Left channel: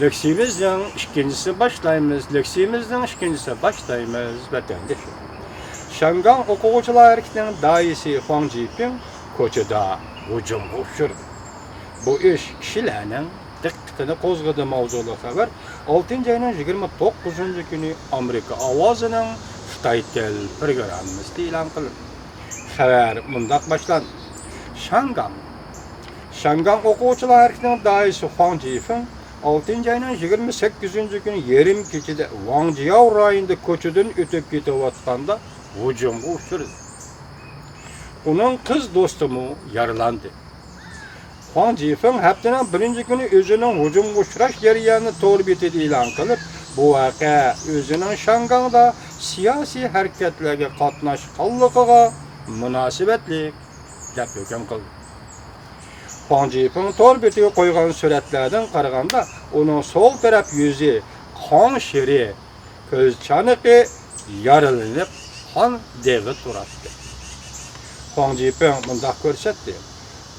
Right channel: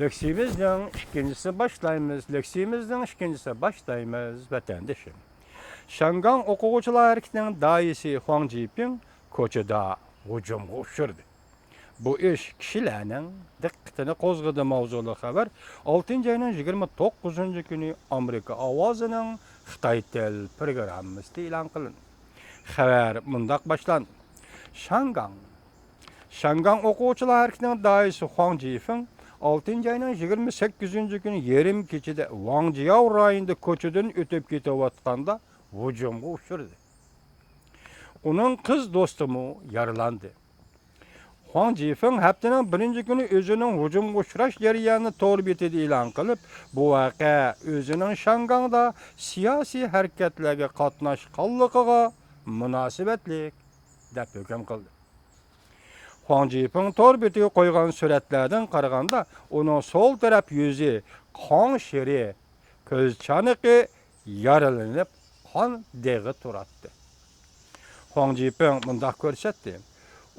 Leksiyimizden ikincisi başlayımız, leksiyimizden ikincisi başlayımız vatandaşım. Şangan okuvcular hareketinin daisi Huang Jiping koçada hücumga uçurdu. Bu iş kişilerinin dikkatini kozgadı mavzulu haber 6. ayının 29. günü Amerika avazının Xitay tel programımızda ilan kılındı. Haber mundaq başlandı. Şangan okuvcular hareketinin daisi Huang Jiping 6. ayının 28. günü yerim keçide Wangjiao rayonunda koçudan ötüp ketiyotganda hücumga uçurdu. Onun kız dostumu yaralandı. Huang Jiping haftanın birinci günü özünün hücumga uçraş jarayonini to'liq etidi e'lon qilib, bu voqea o'zining Shanganda siyosiy harakatlarga qatnashganligiga munosabatli deb hukm qildi. Huang Jiping to'liq betiga qo'ygan suratlardan qaraganda, uning sol taraf yuzi qon shiri, ko'z chaniqi yaralanib, qon deg'i turibdi. Huang Jiping bundaq ko'rsatdi.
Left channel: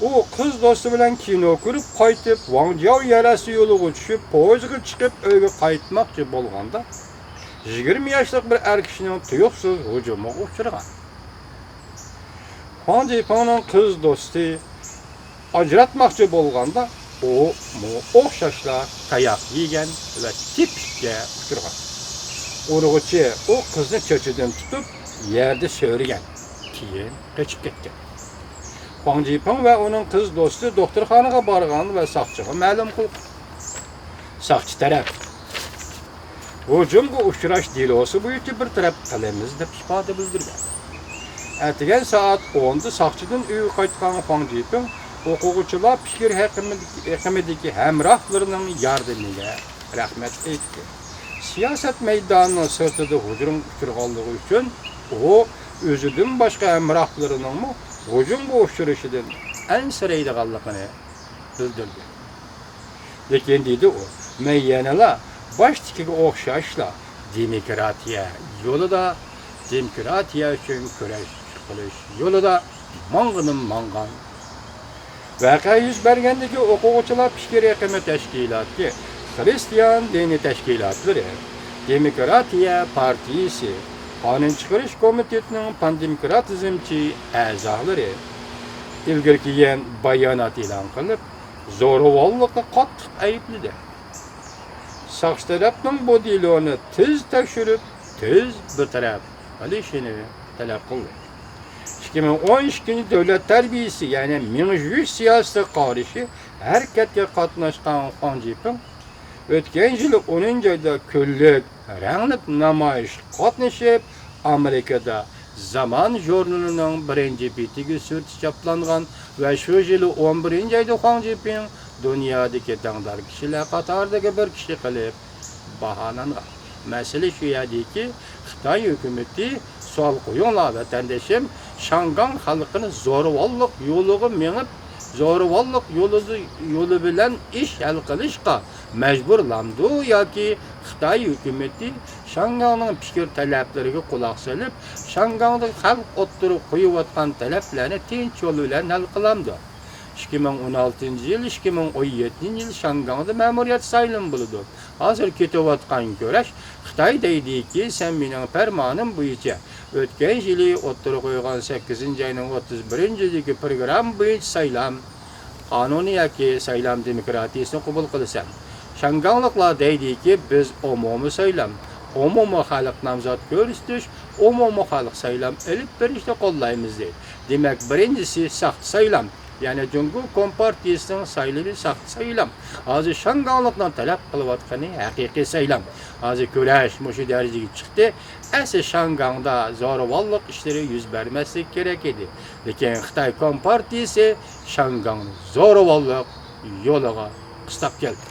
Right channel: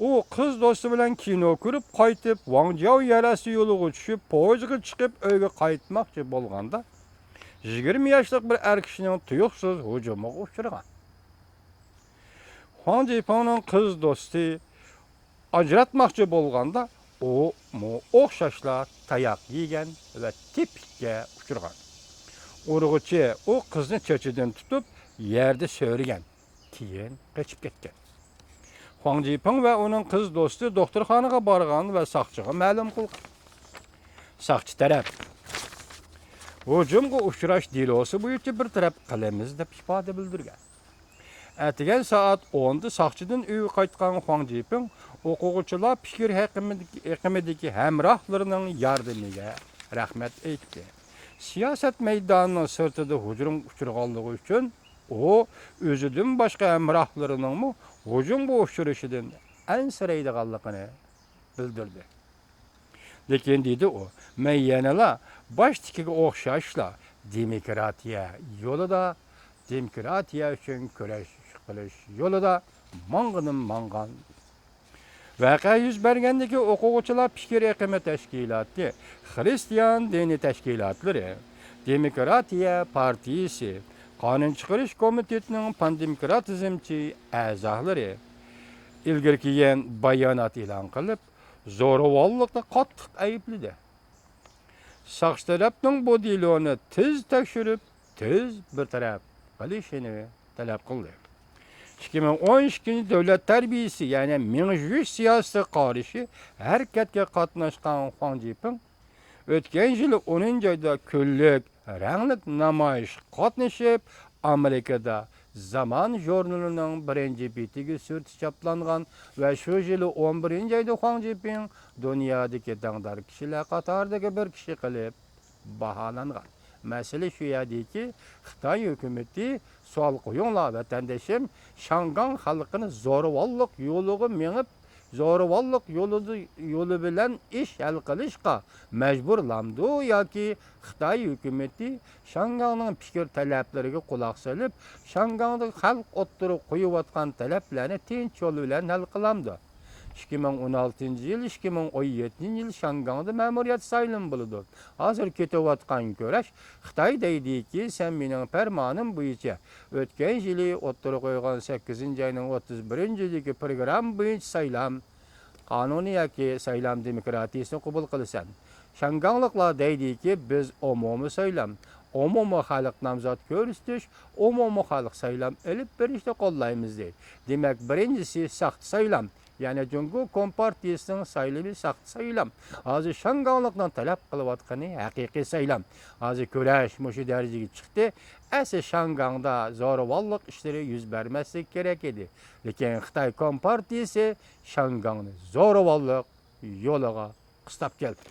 U kız dostu bilan kino ko'rib qaytib, Wangjiao yarasi yo'liga tushib, poyezdga chiqib uyga qaytmoqchi bo'lganda, 20 yoshli bir er kishining tuyuqsiz hujumiga uchragan. Huang Jipingning kız do'sti ajratmoqchi bo'lganda, u o'xshashla tayoq yegan va tipga uchragan. Urg'uchi u qizni cho'chidan tutib, yerda so'rgan, keyin qochib ketgan. Huang Jiping ve onun kız dostu doktorxonaga borgan ve saqchiga ma'lum qildi. Saqchi taraf hujumga uchrash delosi bo'yicha bir taraf qilamiz deb ifoda bildirgan. Ertagan soat 10da saqchidan uyga qaytgan Huang Jiping o'quvchilar fikr haqimidagi hamrohlarining yordamiga rahmat aytdi. Siyosat maydonining sirtida hujum uchirganligi uchun u o'zidan boshqa hamrohlarining hücumga uçuruşidan ansiraydiganligini bildirdi. Lekin dedi u, men yanala boshtikiga o'xshashla demokratiya uchun kurash qilish yo'lida mangan. Voqea yuz bergandagi o'quvchilar fikr haqimi tashkiloti, Xristian dini tashkilotlari, Demokratiya partiyasi, Qonun chiqarish komitetining pandemokratizmchi a'zolari ilgari kelgan bayonot e'lon qilib, zo'ravonlikqa qattiq aybladi. Saqchi tarafning bu deloni tez tekshirib, tez betaraf qilishini talab qildi. 2012 davlat tarbiyasi, ya'ni mingyush siyosati qarshi harakatga qatnashgan Huang Jiping o'tgan yil 10-oyda kunlik rangli namoyish qatnashib, Amerikada Zaman jurnalining birinchi betiga surti chaplangan va shu yil 11-oyda Huang Jiping dunyodagi tangdor kishilar qatoridagi bir kishi qilib baholangan. Masala shu yerdiki, Xitoy hukumati sol qo'yinglar vatandoshim, Shangan xalqini zo'ravonlik yo'liga minib, zo'ravonlik yo'li bilan ish hal qilishga majburlamdi yoki Xitoy hukumati Shanganning fikr talablariga quloq solib, Shanganda xalq o'ttirib qo'yayotgan talablarni tinch yo'l bilan hal qilamdi. 2016-yil, 2017-yil Shanganda ma'muriyat saylan bo'ldi. Hozir ketayotgan kurash Xitoy deydiki, sen mening farmonim bo'yicha o'tgan yili o'ttirib qo'ygan 8-ayning 31-yilgi program bo'yicha saylan qonuniy yoki saylan demokratiyasini qabul qilasan. Shanganliklar deydiki, biz umumiy saylan, umumiy xalq nomzod ko'rsatish, umumiy xalq saylan ilib berishni qo'llaymiz deydi. Demak, birinchisi saqt saylan, ya'ni Jungo Kompartiyasining saylavi saqt saylan. Hozir Shanganlikdan talab qilayotgani haqiqiy saylan. Hozir kurash mushu darajaga chiqdi. Asli Shanganda zo'ravonlik ishlari yuz bermaslik kerak edi. Lekin Xitoy Kompartiyasi Shangan zo'ravonlik yo'liga qistab keldi.